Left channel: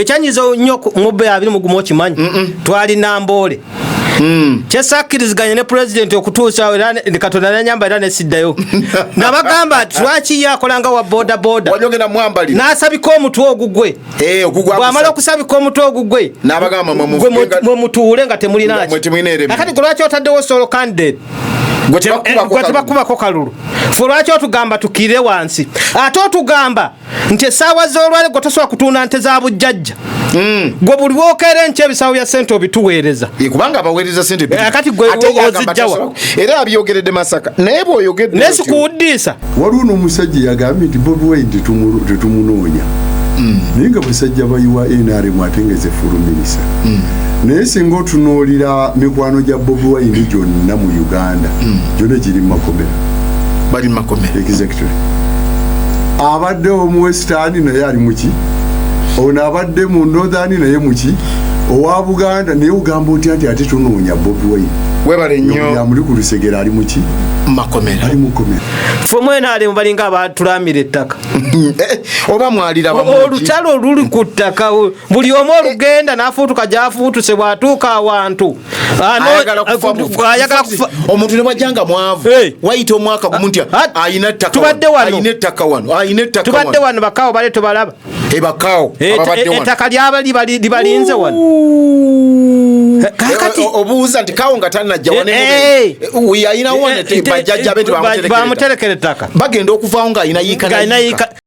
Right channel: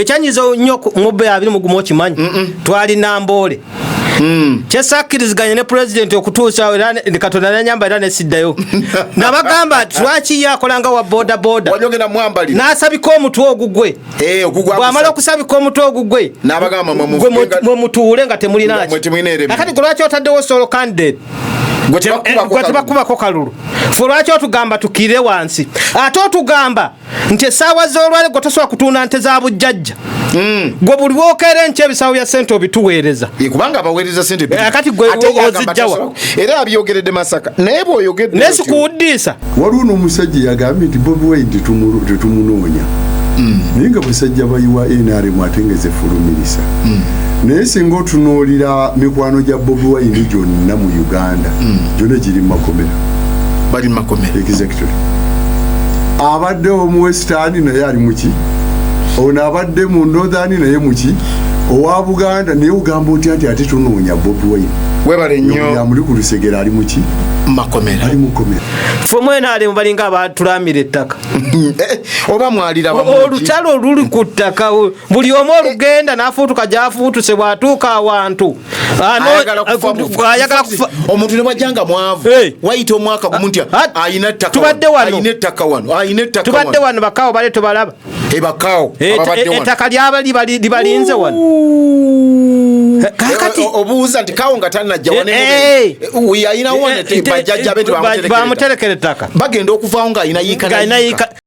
Echanyizo nnyo mubbe abiri mugumu okimanyi twali Nambole kyesakiriziganya ne president okutuusa era Katonda n'anyamba era nesiddayo nabagamba lwaki yakolanga wa boda wanyogera mwambali n'asabika omutwe ogugwe bw'amala okusabika omutwe ogugwe n'abagamba mwe mutuule nga temulinaki akati gwe lwaki otaddewo solo candidate gwe tebakubako kalulu fe lwaki otugamba tukirire wansi ate otugamba nti essaawa z'olwale gwe tosobola kutuunda nte za bujjajja gwe buli lwokeera enkya ebisawo bya ssente obituweereza kubanga abaweereza ssente akati gwe ozijjawa era abyogeredde Masaka naye bw'oyogedde nesikuwuddiisa Fomwena balinga abatulamira ettaka oba mwalira olutalo luli ku ttaka buli omu olugenda n'afuutuka gy'afuutuse bw'atuuka awantu ayagala kufa omuntu ne bwajjanga mwavu wayita omwaka gumu nti ayina ettaka tubadde wano bakaawo bale tubalaba bakaawo ettaka libalinze wano kakati obuuza nti kaawo nga tanajja ayina wane bajjajja be bamuterekera ettaka bagenda okuvaawo ng'ayina yiika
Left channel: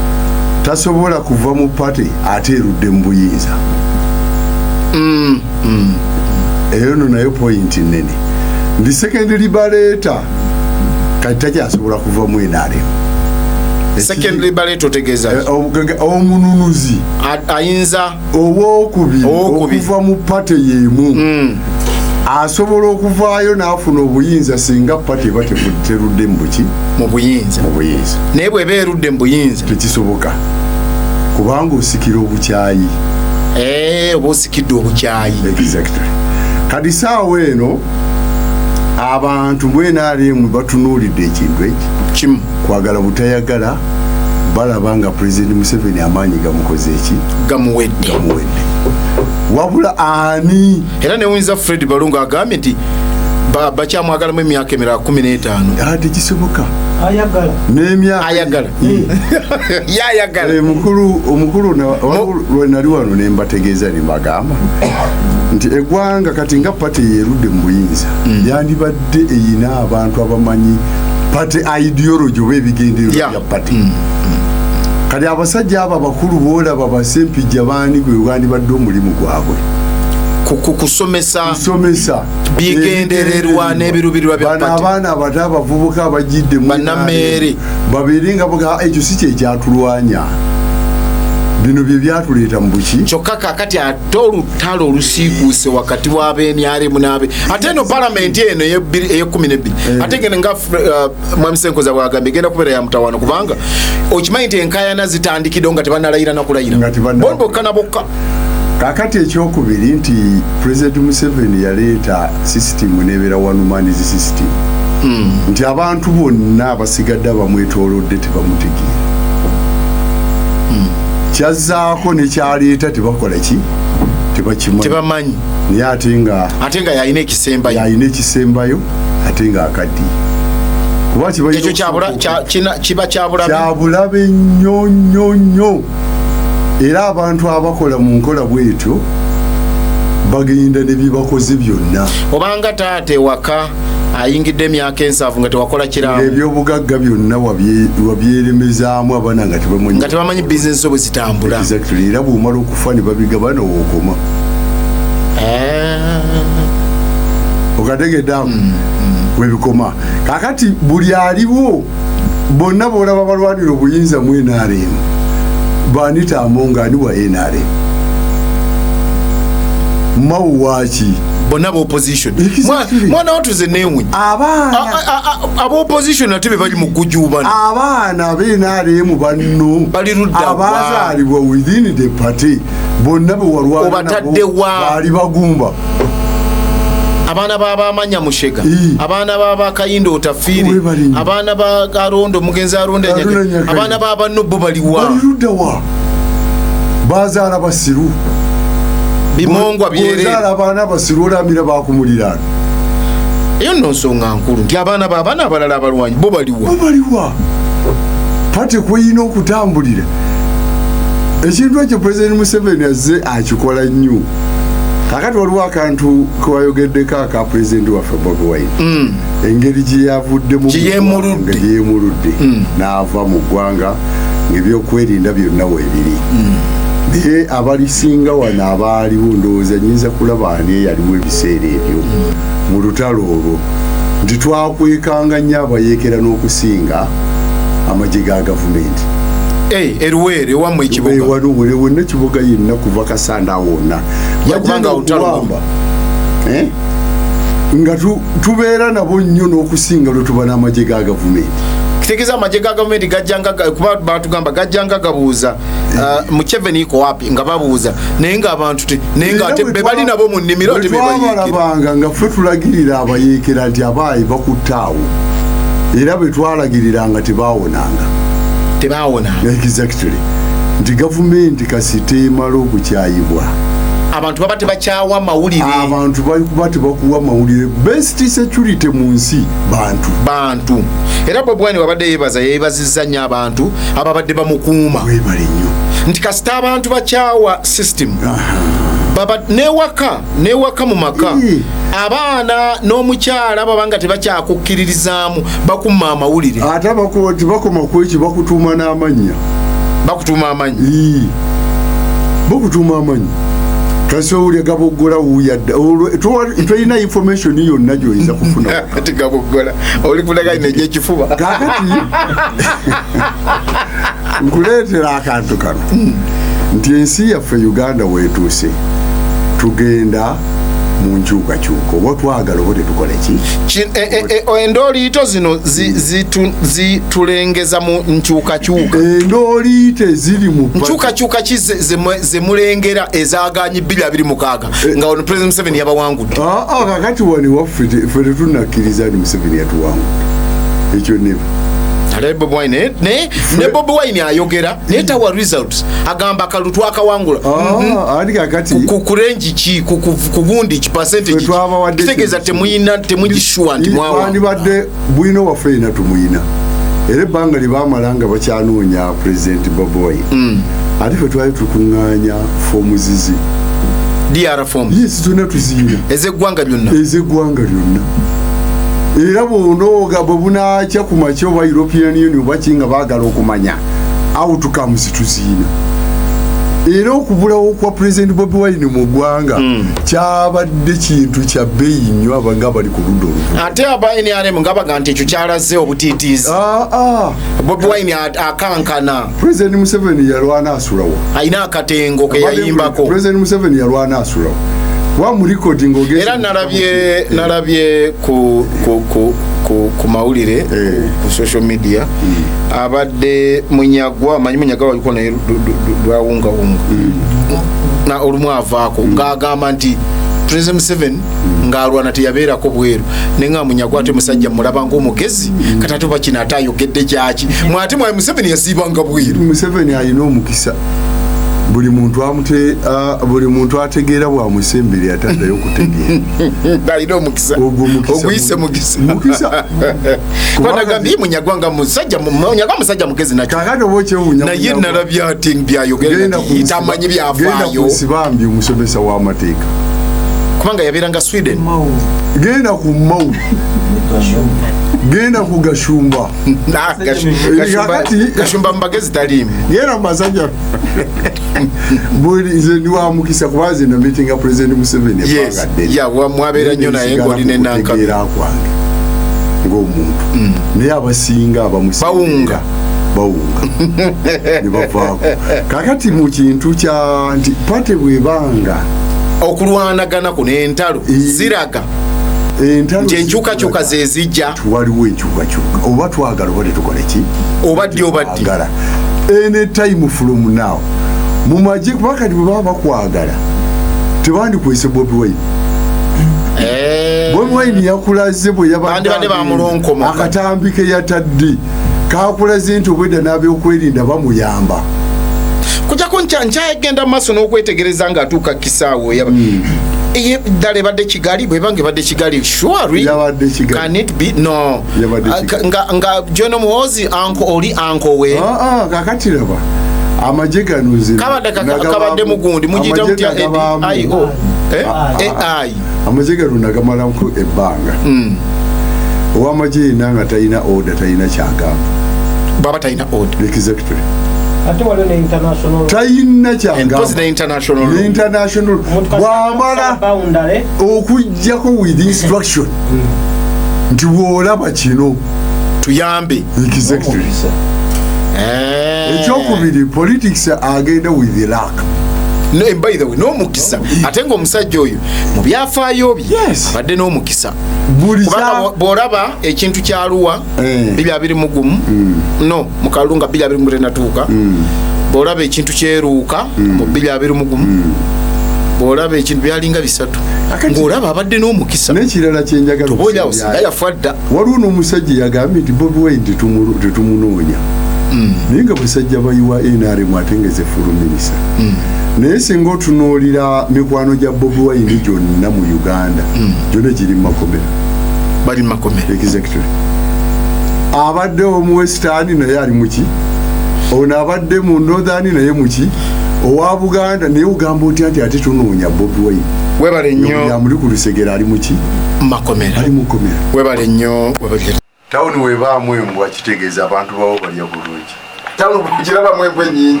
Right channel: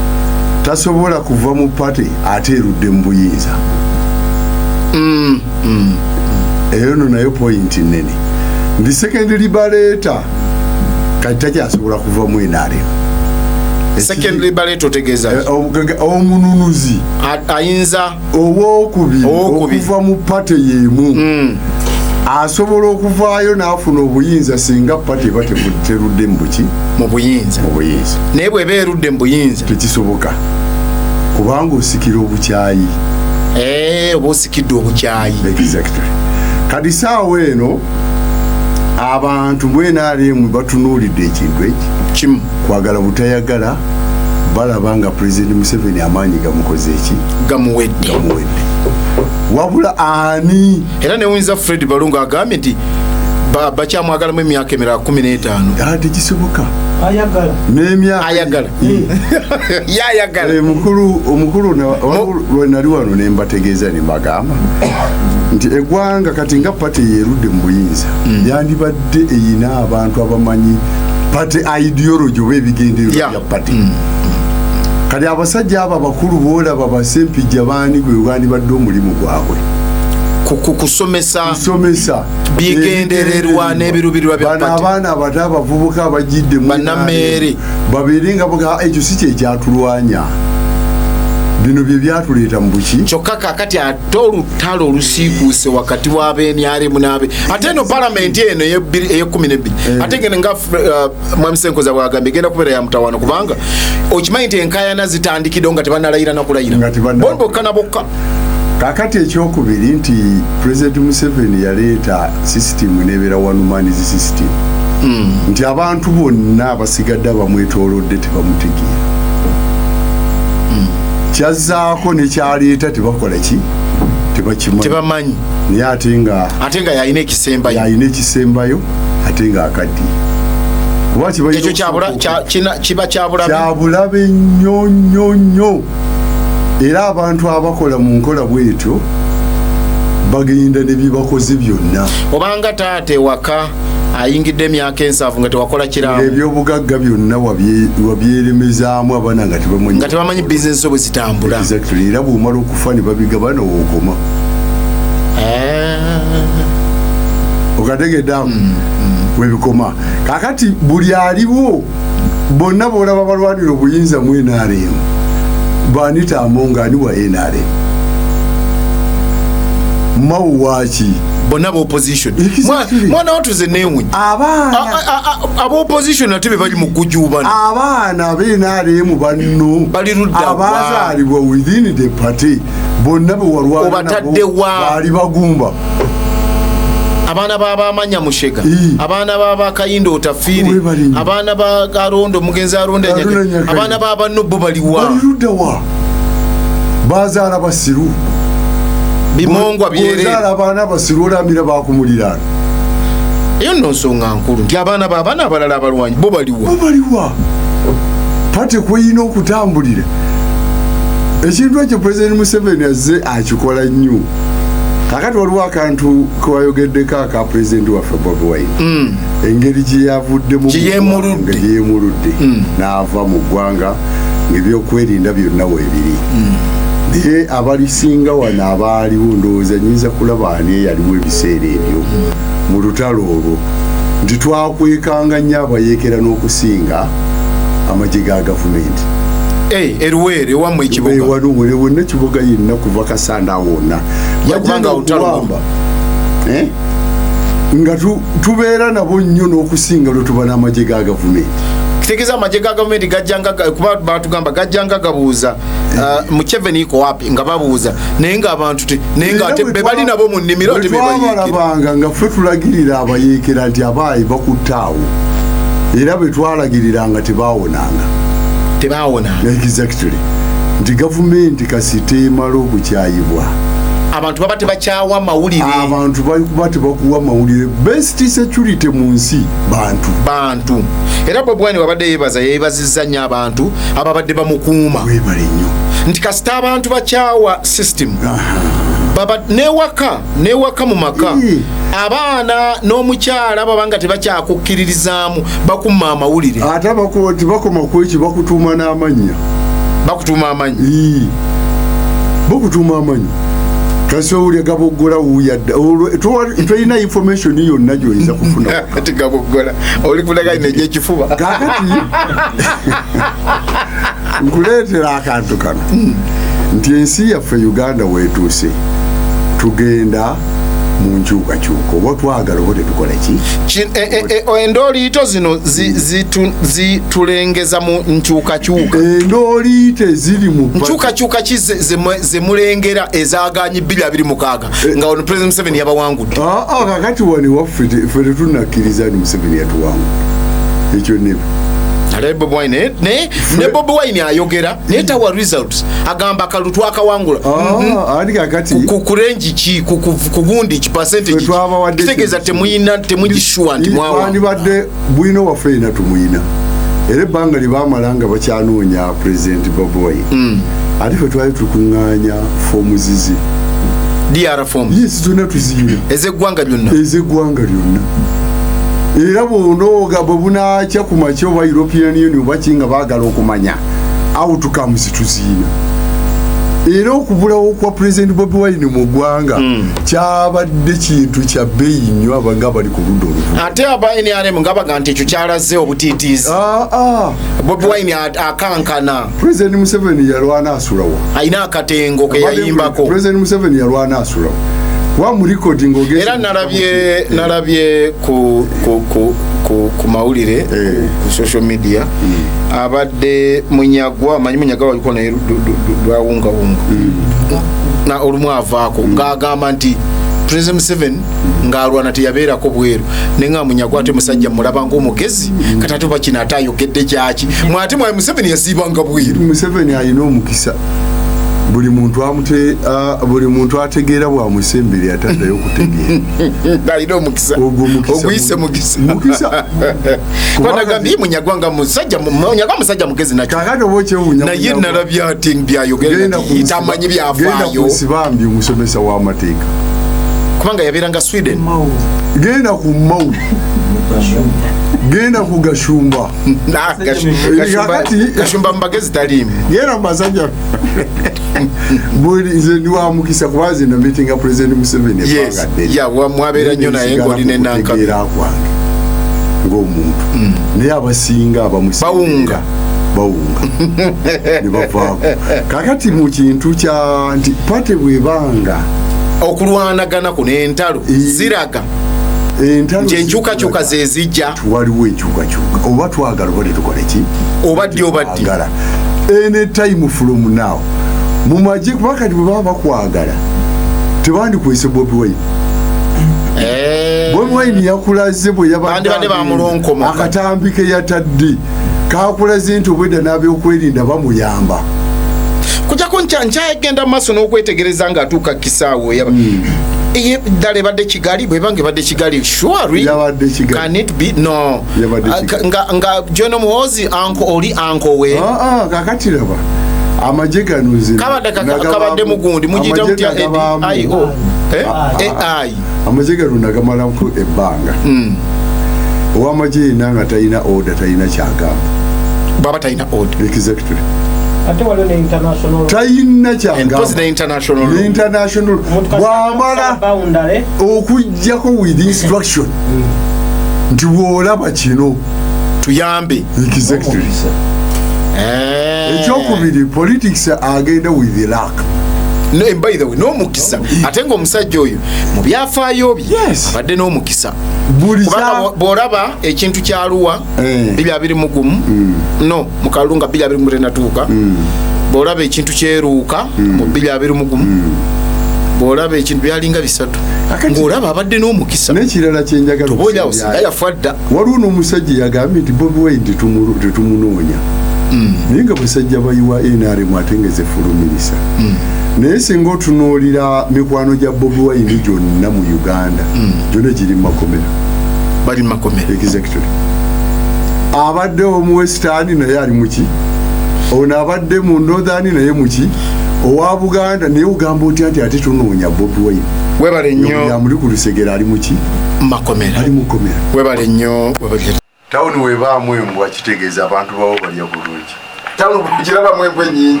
Town we ba mwembwa kitegeeza abantu bawo balya bulungi. Town bujiraba mwembwe nyinyi.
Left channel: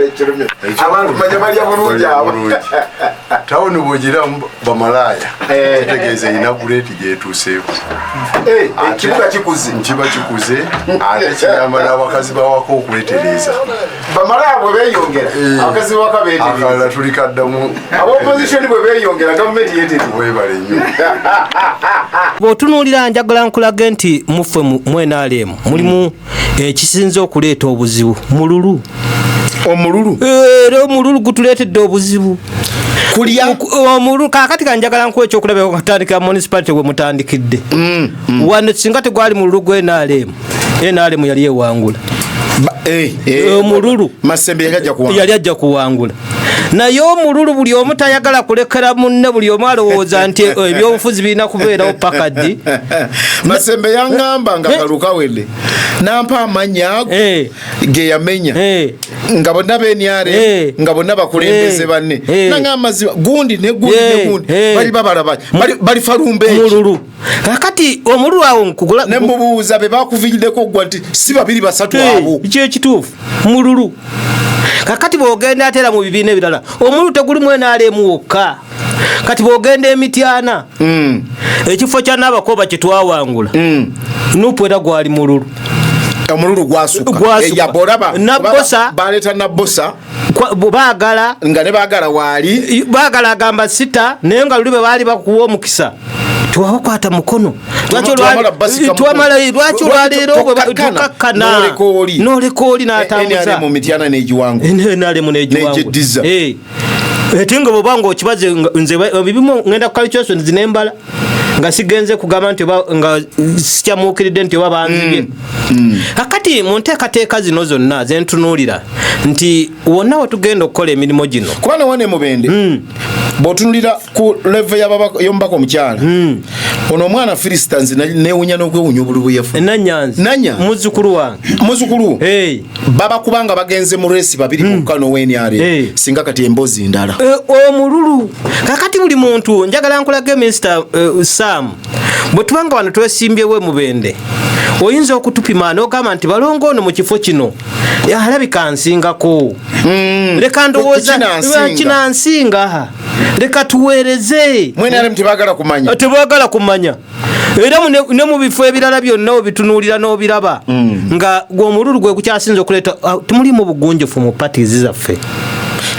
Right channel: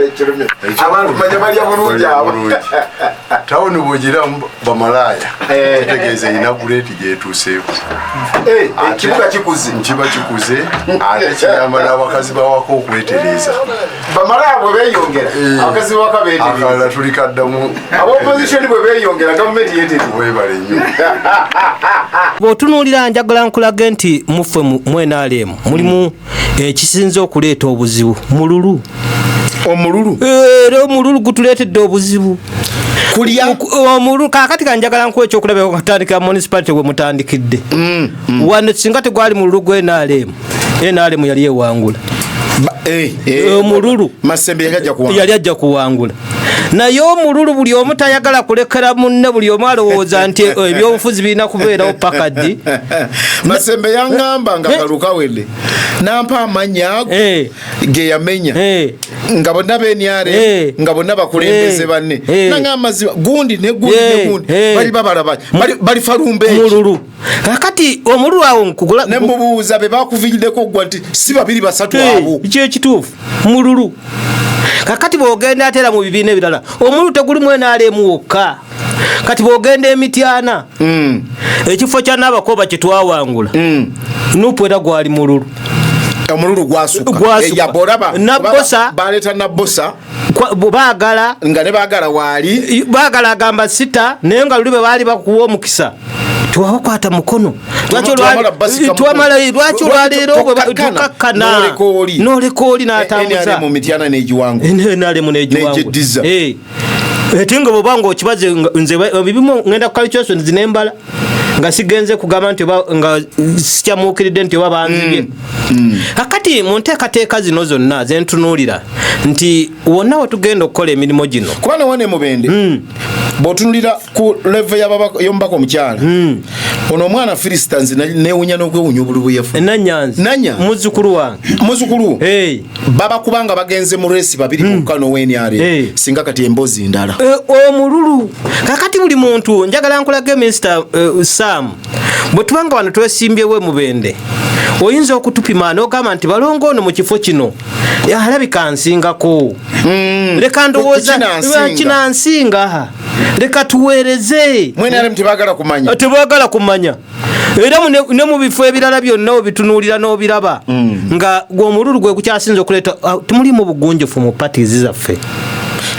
Lekirumye. Abantu manya balya bulungi abo. Town bujira bamalaya. Kitegeeza ina buleti gyetuseeko. Kibuga kikuze. Nkiba kikuze. Ate kiyamba n'abakazi bawako okwetereza. Bamalaya bwe beeyongera. Abakazi bawaka beetereza. Akala tuli kaddamu. Opposition bwe beeyongera government yeetereza. Webale nnyo. Bw'otunuulira njagala nkulage nti muffe mwenaalemu mulimu ekisinza okuleeta obuzibu mululu. Omululu? Era omululu gutuleetedde obuzibu. Kulya omululu kaakati kanjagala nkuwa ekyokulabira kutandikira municipality we mutandikidde. Wano singa tegwali mululu gwe NRM yali ewangula. Omululu Masembe yali ajja kuwangula. Naye omululu buli omu tayagala kulekera munne, buli omu alowooza nti ebyobufuzi birina kubeerawo paka ddi. Masembe yangamba nga kaluka wele nampa amanya ge yamenya nga bonna benyare nga bonna bakulembeze banne nanga amaziba gundi ne gundi bali babalaba bali falumbe mululu. Kakati omululu awo nkugula ne mubuuza be bakuvirideko gwa nti si babiri basatu abo kye kituufu mululu. Kakati bwogenda atera mu bibiina ebirala omululu teguli NRM wokka. Kati bwogenda Emityana ekifo kya Nabakoba kye twawangula Nuupu era gwali mululu. Omululu gwasuka ya boraba Nabosa baleta Nabosa baagala nga ne baagala wali baagala agamba 6 naye nga luli be baali bakuwa omukisa tuwakwata mukono. Lwaki olwaleero bwe tukakkana n'olekoli n'atambuza mu Mityana n'egiwangu ate nga bw'obanga okibaze nze ebimu ngenda ku calculations n'embala nga sigenze kugamba nti nga sikyamuukiridde nti oba banzibye. Kakati mu nteekateeka zino zonna zentunuulira nti wonna wetugenda okukola emirimu gino kuba newane Mubende bw'otunulira ku level y'omubaka omukyala ono omwana Philistans neewunya n'okwewunya obulubu yafu Nanya muzzukulu wange baba kubanga bagenze mu resi babiri mu kano NRM singa kati embozi ndala omululu. Kakati buli muntu njagala nkulage Mr. Sam bwe tubanga wano twesimbyewo Mubende oyinza okutupima n'ogamba nti balongo ono mu kifo kino alabika nsingako leka ndowooza kinansinga leka tuweereze NRM tebagala kumanya era ne mu bifo ebirala byonna obitunuulira n'obiraba nga gw'omululu gwe gukyasinza okuleeta temulimu bugunjufu mu parties zaffe.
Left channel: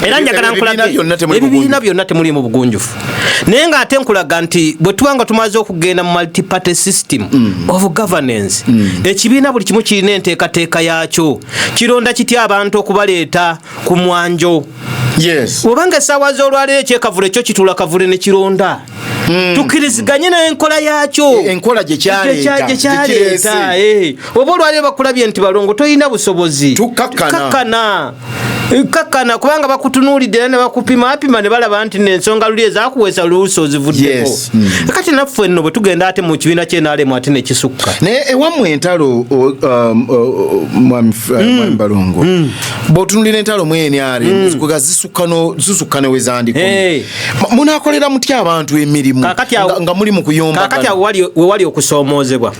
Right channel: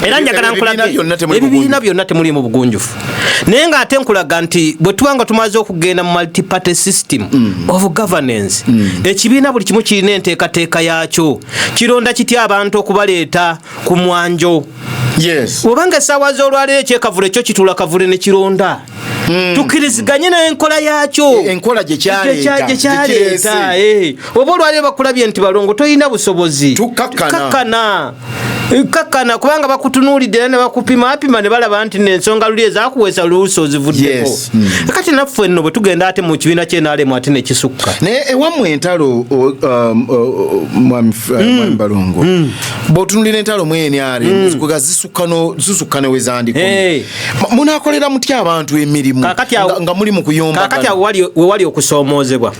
Era njagala nkulaga ebibiina byonna temuli mu bugunjufu. Naye nga ate nkulaga nti bwe tubanga tumaze okugenda mu multi-party system of governance ekibiina buli kimu kirina enteekateeka yaakyo kironda kitya abantu okubaleeta ku mwanjo. Obanga essaawa z'olwaleero ekyekavule ekyo kituula kavule ne kironda tukkiriziganye n'enkola yaakyo enkola gye kyaleeta oba olwaleero bakulabye nti balongo toyina busobozi kakkana kubanga bakutunuulidde ne bakupima ne balaba nti n'ensonga luli ezaakuweesa luusi ozivuddeko. Kati naffe nno bwe tugenda ate mu kibiina ky'NRM ate ne kisukka naye ewammwe entalo mwami Balongo bw'otunulira entalo mu NRM zisukka ne we zandiko munaakolera mutya abantu emirimu nga muli mu kuyomba. Kakati awo we wali okusoomoozebwa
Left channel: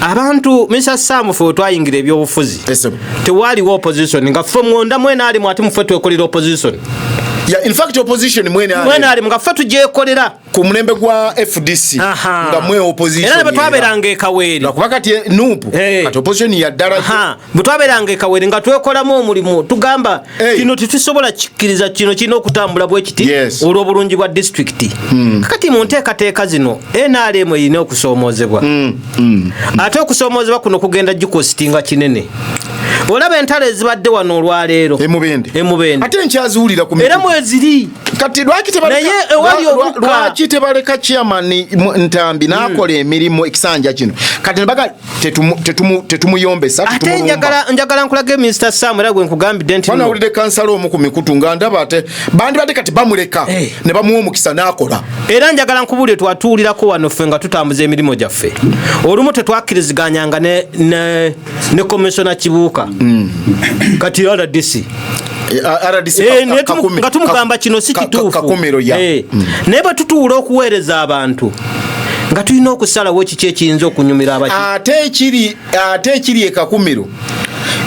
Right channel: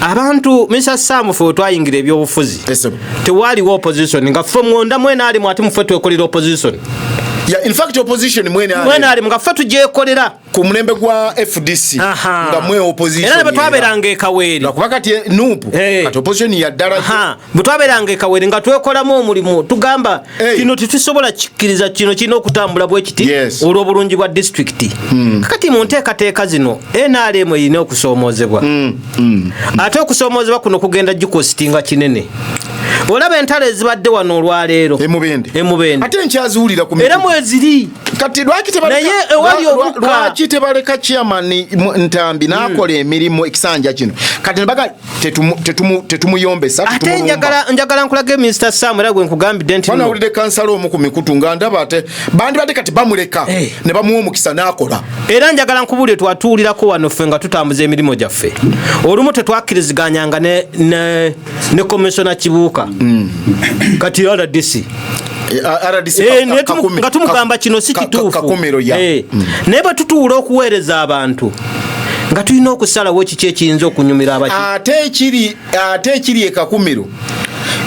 abantu Mr. Sam ffe twayingira ebyobufuzi tewaaliwo opposition nga ffe mwonda mu NRM ate muffe twekolera opposition. In fact opposition NRM nga ffe tugyekolera ku mulembe gwa FDC nga mwe opposition era betwaberanga ekaweeri kuba kati Nuupu kati opposition ya ddala betwaberanga ekaweeri nga twekolamu omulimu tugamba kino tetusobola kikkiriza kino kirina okutambula bwe kiti olw'obulungi bwa district. Kati mu nteekateeka zino NRM erina okusoomoozebwa ate okusoomoozebwa kuno kugenda gikositinga kinene. Olaba entalo ezibadde wano olwaleero Mubende ate nkyaziwulira ku era mweziri kati lwaki tebaleka chairman Ntambi n'akola emirimu ekisanja kino kati nebaga tetumuyombesa ate njagala nkulage Mr. Sam era gwe nkugambidde nti wanawulidde kansala omu ku mikutu nga ndaba ate bandibadde kati bamuleka ne bamuwa omukisa n'akola. Era njagala nkubuulire twatuulirako wano ffe nga tutambuza emirimu gyaffe olumu tetwakkiriziganyanga ne Commissioner Kibuuka kati RDC nga tumugamba kino si kituufu naye bwe tutuula okuweereza abantu nga tulina okusalawo kiki ekiyinza okunyumira abaki ate ekiri ekakumiro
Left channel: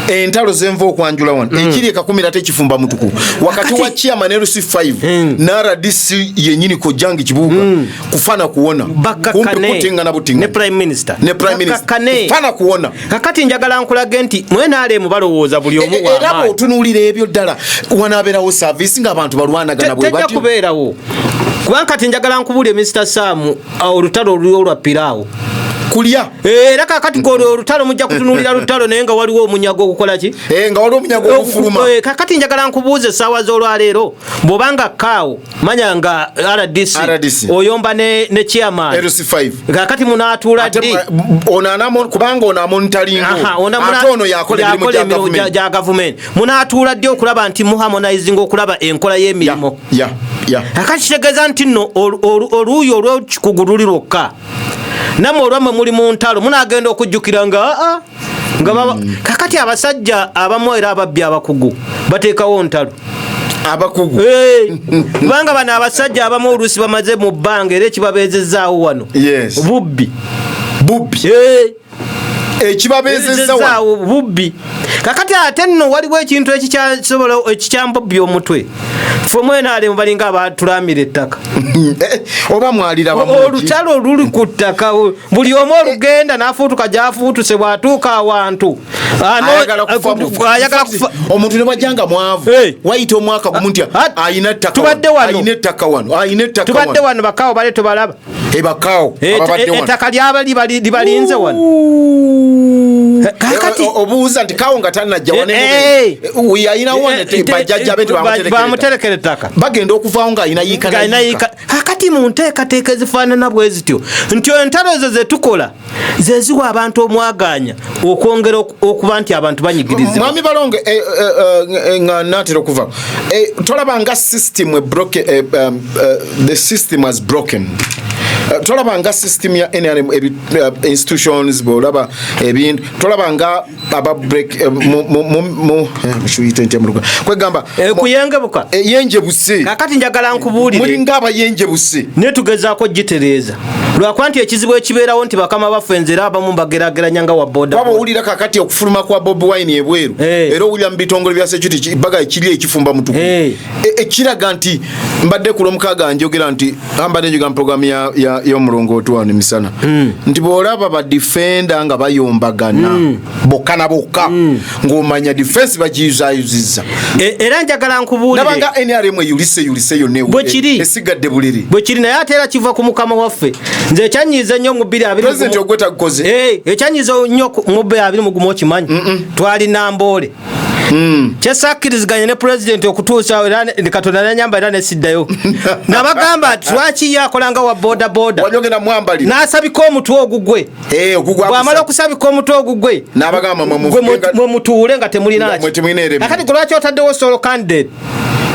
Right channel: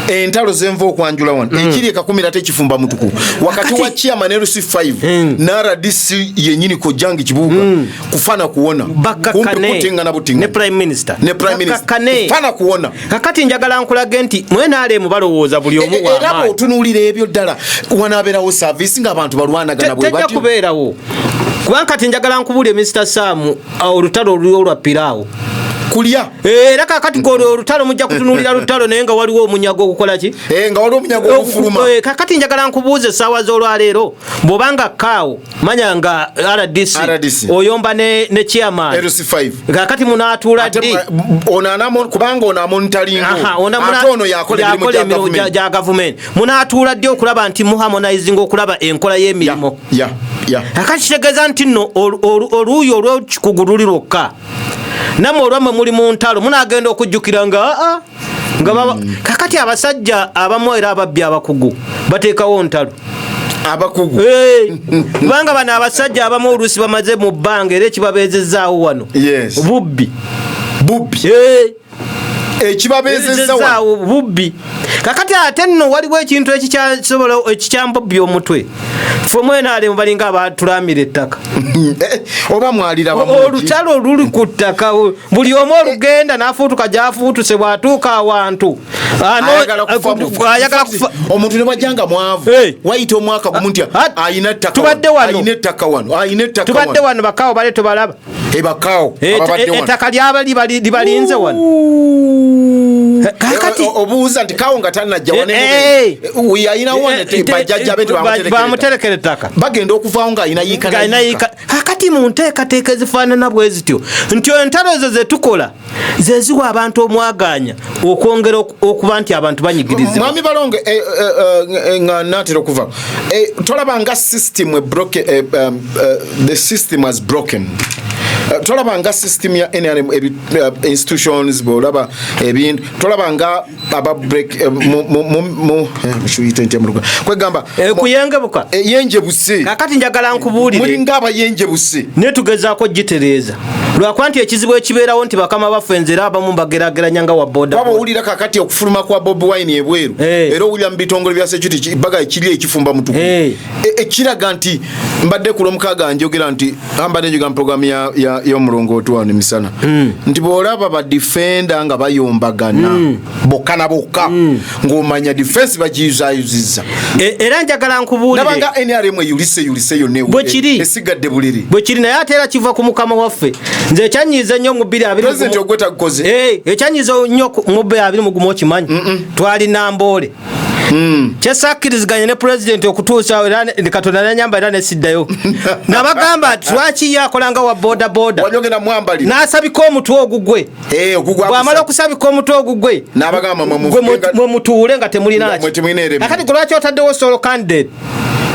entalo zenva okwanjula wano ekiri ekakumiro ate ekifumba mutuku wakati wa chairman LC5 na RDC yenyini ko jangi kibuga kufana kuona kumpe kutingana butinga ne prime minister kufana kuona kakati njagala nkulaga nti mwena ale mubalowooza buli omu wa era otunulira ebyo ddala wanabeerawo service nga abantu balwanagana bwe batyo kubeerawo kubanga kati njagala nkubule Mr. Sam olutalo olwa Pirao kulya era kakati golo olutalo mujja kutunulira lutalo naye nga waliwo omunyago okukola ki nga waliwo omunyago okufuluma kakati njagala nkubuuze essaawa z'olwaleero bw'obanga kaawo manya nga RDC oyomba ne chairman LC5 kakati munaatuula ddi kubanga onaamonitalingo ate ono yakola emirimu gya gavumenti munaatuula ddi okulaba nti muharmonizing okulaba enkola y'emirimu kakati kitegeeza nti nno oluuyi olw'ekikugu luli lwokka namwe olwamwe muli mu ntalo munagenda okujjukira nga kakati abasajja abamu era ababbi abakugu bateekawo ntalo abakugu kubanga bano abasajja abamu oluusi bamaze mu bbanga era ekibabeezezaawo wano bubbi ekibabeezezaawo bubbi kakati ate nno waliwo ekintu ekikyambobbi omutwe ffe mwena ale mubalinga abatulamira ettaka oba mwalira olutalo luli ku ttaka buli omu olugenda n'afuutuka gy'afuutuse bw'atuuka awantu ayagala kufa omuntu ne bwajjanga mwavu wayita omwaka gumu nti ayina ettaka tubadde wano bakaawo bale tubalaba ettaka libalinze wano obuuza nti kawo nga tanajja ayina bajjajja be bamuterekera ettaka bagenda okuvaawo ng'ayina yiika kakati mu nteekateeka ezifaanana bwe zityo nti entalo ezo zetukola zeziwa abantu omwaganya okwongera okuba nti abantu banyigirizibwa mwami Balonge nga naatera okuva tolaba nga system the system has broken tolaba nga system ya NRM institutions bolaba ebintu tolaba nga aba break kwegamba kuyengebuka yenjebuse kakati njagala nkubuulire muli nga abayenjebuse ne tugezaako gitereeza lwakwa nti ekizibu ekibeerawo nti bakama baffe nzera abamu mbagerageranya nga wa boda waba owulira kakati okufuluma kwa Bob Wine ebweru era owulira mu bitongole bya security baga ekiri ekifumba mutuku ekiraga nti mbadde ku lwomukaaga njogera nti ambadde njoga mu programu y'omulongooti wano emisana nti bw'olaba ba defender nga bayombagana bokka na bokka ng'omanya defense bagiyuzaayuzizza era njagala nkubuulire nabanga NRM eyulise yonna esigadde buliri bwe kiri naye ate era kiva ku mukama waffe nze ekyanyiiza nnyo mu 2 president ogweta gukoze ekyanyiiza nnyo mu 2 okimanyi twali Namboole kyesakkiriziganye ne president okutuusa era Katonda nanyamba era nesiddayo nabagamba lwaki yakolanga wa boda wanyogera mwambali n'asabika omutwe ogugwe bw'amala okusabika omutwe ogugwe n'abagamba mwe mutuule nga temulina kakati lwaki otaddewo solo candidate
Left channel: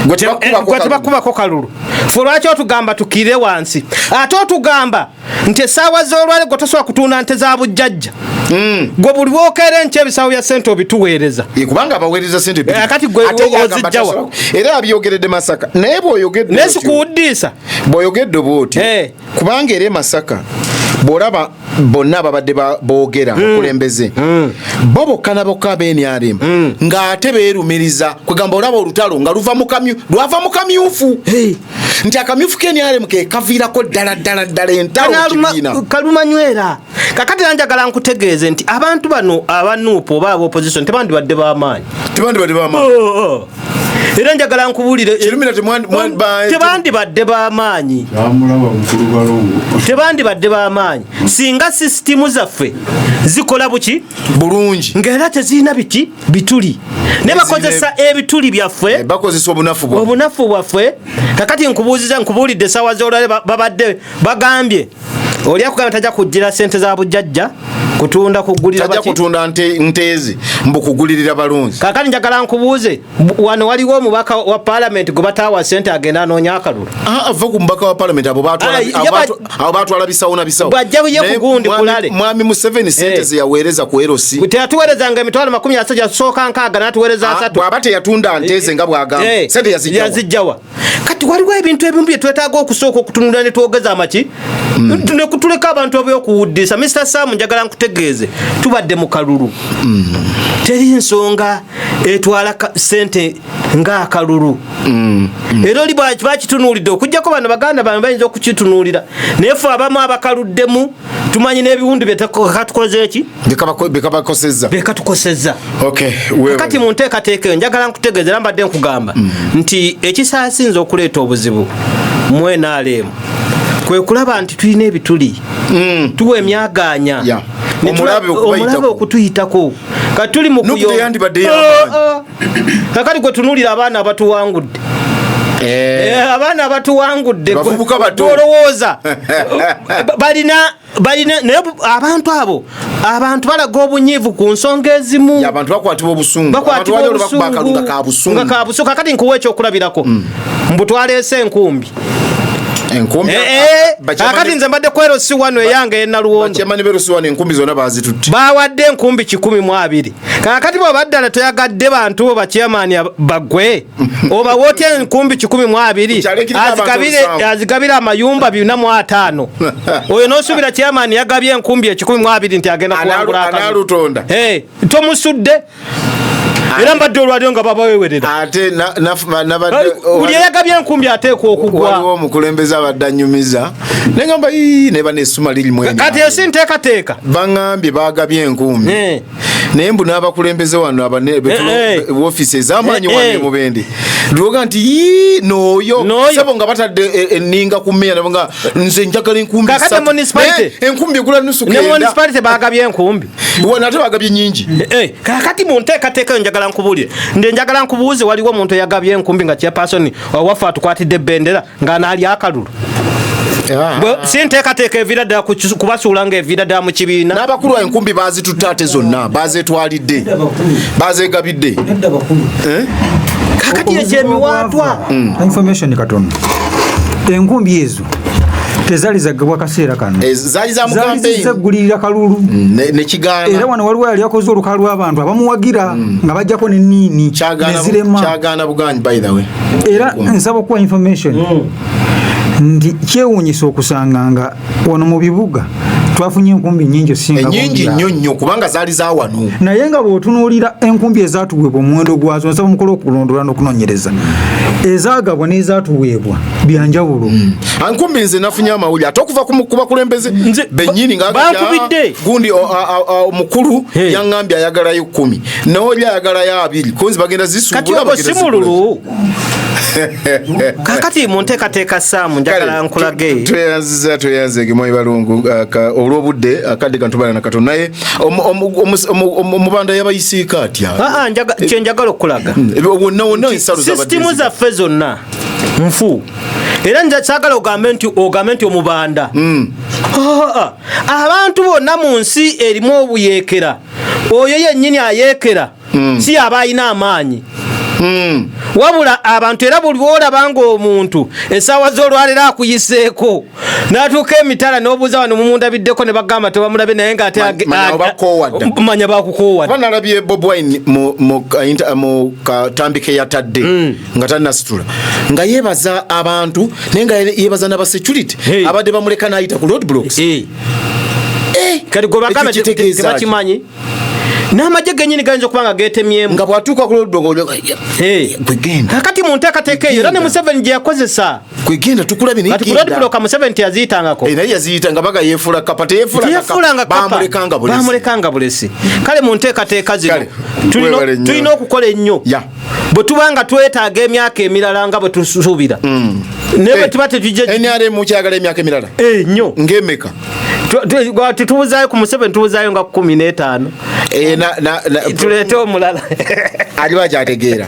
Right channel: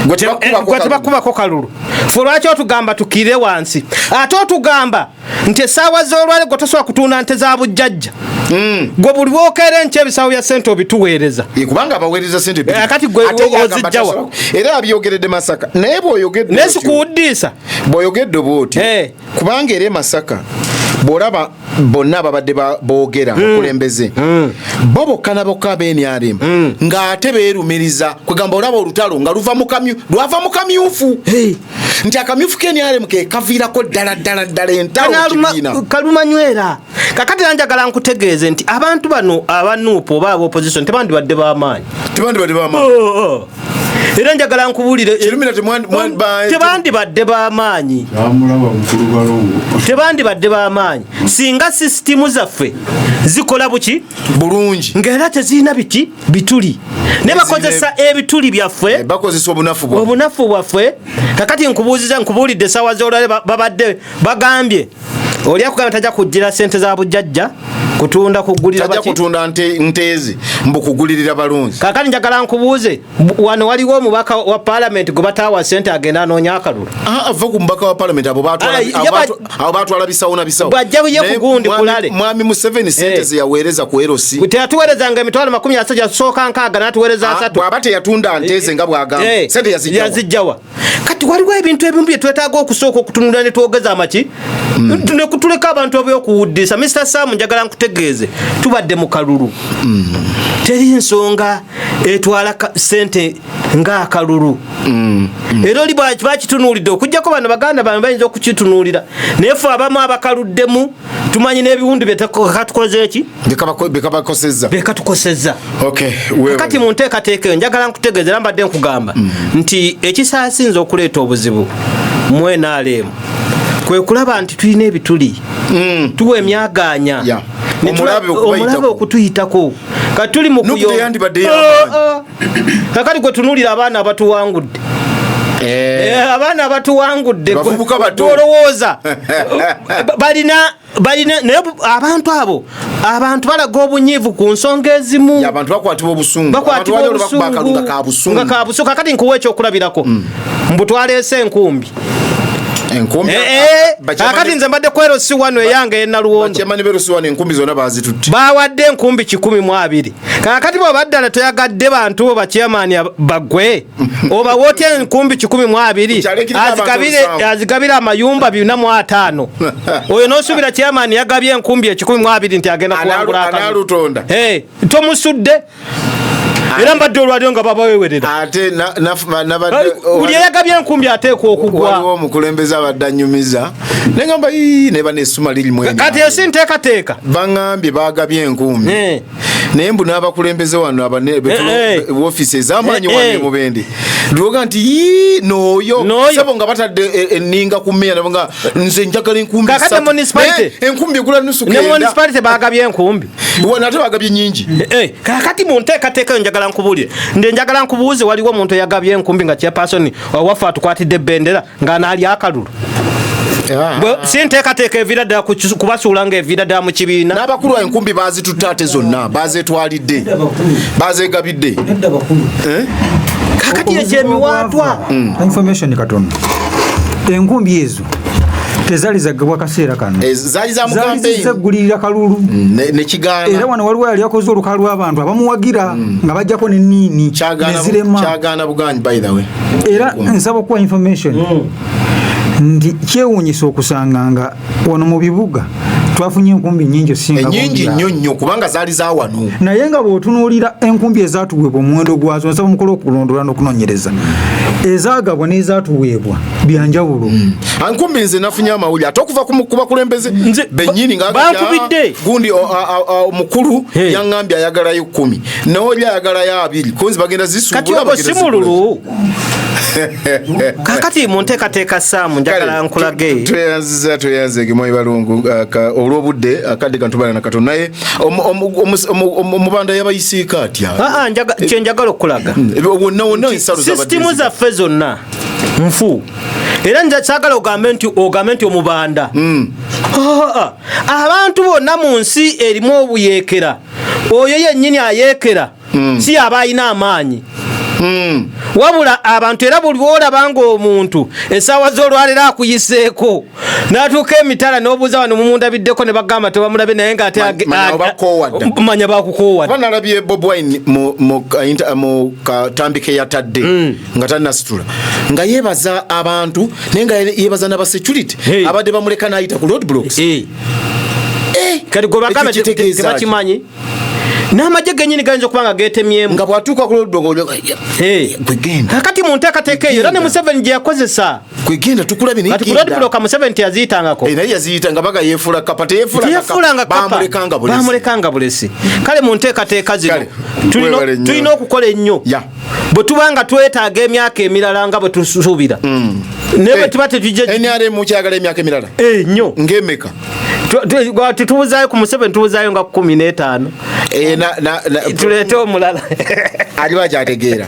gwe tebakubako kalulu fe lwaki otugamba tukire wansi ate otugamba nti essaawa z'olwale gwe tosobola kutunda nte za bujjajja gwe buli bwokeera enkya ebisawo bya ssente obituweereza kubanga abaweereza ssente kati gwe ozijjawa era abyogeredde Masaka naye bw'oyogedde nesikuwuddisa bw'oyogedde bw'oti kubanga era Masaka bw'olaba bonna ababadde boogera okulembeze bo bokka na bokka ab'NRM ng'ate beerumiriza kwegamba olaba olutalo nga lwava mu kamyufu nti akamyufu k'NRM ke kaviirako ddala entalo kibiina kalumanywera kakati njagala nkutegeeze nti abantu bano abanuupu oba ab'opposition tebandibadde b'amaanyi era njagala nkubuulire tebandibadde b'amaanyi singa sisitimu zaffe zikola buki bulungi ng'era tezirina bituli ne bakozesa ebituli byaffe bakozesa obunafu bwaffe kakati nkubuulidde essaawa z'olwale babadde bagambye oli akugamba tajja kujjira ssente za bujjajja kutunda kugulira baki kutunda ntezi mbu kugulirira balunzi kakati njagala nkubuuze wano waliwo omubaka wa parliament gwe batawa sente agenda anoonya akalulu ava ku mbaka wa parliament abo batwala bisawo na bisawo bwajja buye kugundi kulale mwami Museveni sente ze yaweereza ku LC teatuweerezanga emitwalo 30 sooka nkaaga n'atuweereza 3 bw'aba teyatunda nteze nga bw'agamba sente yazijjawa kati waliwo ebintu ebimu bye twetaaga okusooka okutunula ne twogeza amaki ne kutuleka abantu ab'okuwuddisa Mr. Sam njagala nkutegeeze tubadde mu kalulu teri nsonga etwala sente ng'akalulu era oli bakitunuulidde okujjako bano baganda bano bayinza okukitunuulira naye ffe abamu abakaluddemu tumanyi n'ebiwundu byekatukoze eki bekatukosezza kati mu nteekateeka eyo njagala nkutegeeza era mbadde nkugamba nti ekisaasinza okuleeta obuzibu mu NRM kwe kulaba nti tulina ebituli tuwa emyaganya omulabe okutuyitako kati tuli mu kakati gwe tunuulira abaana abatuwangudde abaana abatuwangudde olowooza balina naye abantu balaga obunyiivu ku nsonga ezimu abantu bakwatibwa obusungu nga kabusungu kakati nkuwa ekyokulabirako mbu twaleese enkumbi kakati nze mbadde ku LC wano eyange enaluwondo enkumbi zonna bazitutte bawadde enkumbi 12 kakati bw'obaddala toyagadde bantu bo bachairman bagwe oba wotya enkumbi 12 azigabira amayumba 405 oyo n'osuubira chairman yagabye enkumbi 12 nti agenda kuwangula akalutonda tomusudde era mbadde olwaliro nga babawewerera ate buli eyagabye enkumbi ateekwa okugwa waliwo omukulembeze abadde anyumiza negamba neba n'essuma lirimu kati esi nteekateeka baŋŋambye bagabye enkumbi naye mbu n'abakulembeze wano ofiisi ez'amaanyi wange Mubende lwoga nti n'oyo sabo nga batadde enninga ku mmeya nabo nga nze njagala enkumbi enkumbi egula nusu kenda ne municipality bagabye enkumbi nate bagabye nnyingi kakati mu nteekateeka yo njagala nkubuulire njagala nkubuuze waliwo omuntu eyagabye enkumbi nga chairperson waffe atukwatidde bendera ng'anaali akalulu si nteekateeka eviira ddala kubasuula ng'eviira ddala mu kibiina n'abakulu enkumbi bazitutta ate zonna bazeetwalidde bazegabidde kakati ekyemiwaatwa information katono enkumbi ezo tezali zagabwa kaseera kano zali za mukampeyi zagulirira kalulu nekigaana era wano waliwo yali akoze olukalu abantu abamuwagira nga bajjako neniini nezirema kyagaana buganyi by the way era nsaba okuwa information ndi kyewuunyisa okusanga nga wano mu bibuga twafunye enkumbi nnyingi osinga ennyingi nnyo kubanga zaali za wano naye nga bw'otunuulira enkumbi ezaatuweebwa omuwendo gwazo nsaba mukole okulondoola n'okunoonyereza ezaagabwa n'ezaatuweebwa byanjawulo enkumbi nze nafunye amawulire ate okuva ku bakulembeze bennyini ngabakubidde gundi omukulu yaŋŋambye ayagalayo 10 n'oli ayagalayo 2 konzi bagenda zisuubula simululu kakati mu nteekateeka Saamu njagala nkulage tweyanzege mwoyo balungu olw'obudde akadde kantubala na katono naye omubanda yabayisiika atya kyenjagala okulaga wonna ensalo sisitimu zaffe zonna nfu era nja kyagala ogambe nti omubanda abantu bonna mu nsi erimu obuyeekera oyo yennyini ayeekera si aba alina amaanyi wabula abantu era buli olaba ng'omuntu essaawa z'olwalero akuyiseeko n'atuuka emitala n'obuuza wano mumundabbiddeko ne bagamba tebamulabe naye ng'ate manya bakukoowadde banalabye Bob Wine mu katambi ke yatadde nga tannasitula nga yeebaza abantu naye nga yeebaza n'abasecurity abadde bamuleka n'ayita ku road blocks kati gwe bagamba tebakimanyi n'amagye gennyini gayinza okuba nga geetemyemu nga bw'atuuka ku loddo kakati mu nteekateeka eyo era ne Museveni gye yakozesa kwegenda tukulabye naye kati ku loddo bloka Museveni teyaziyitangako naye yaziyita nga baga yeefuula kapa teyefuulanga bamulekanga bulesi kale mu nteekateeka zino tulina okukola ennyo bwe tuba nga twetaaga emyaka emirala nga bwe tusuubira naye bwe tuba tetujja NRM kyagala emyaka emirala nnyo ng'emeka tubuuzaayo ku Museveni tubuuzaayo nga 15 tuleete omulala aliba kyategeera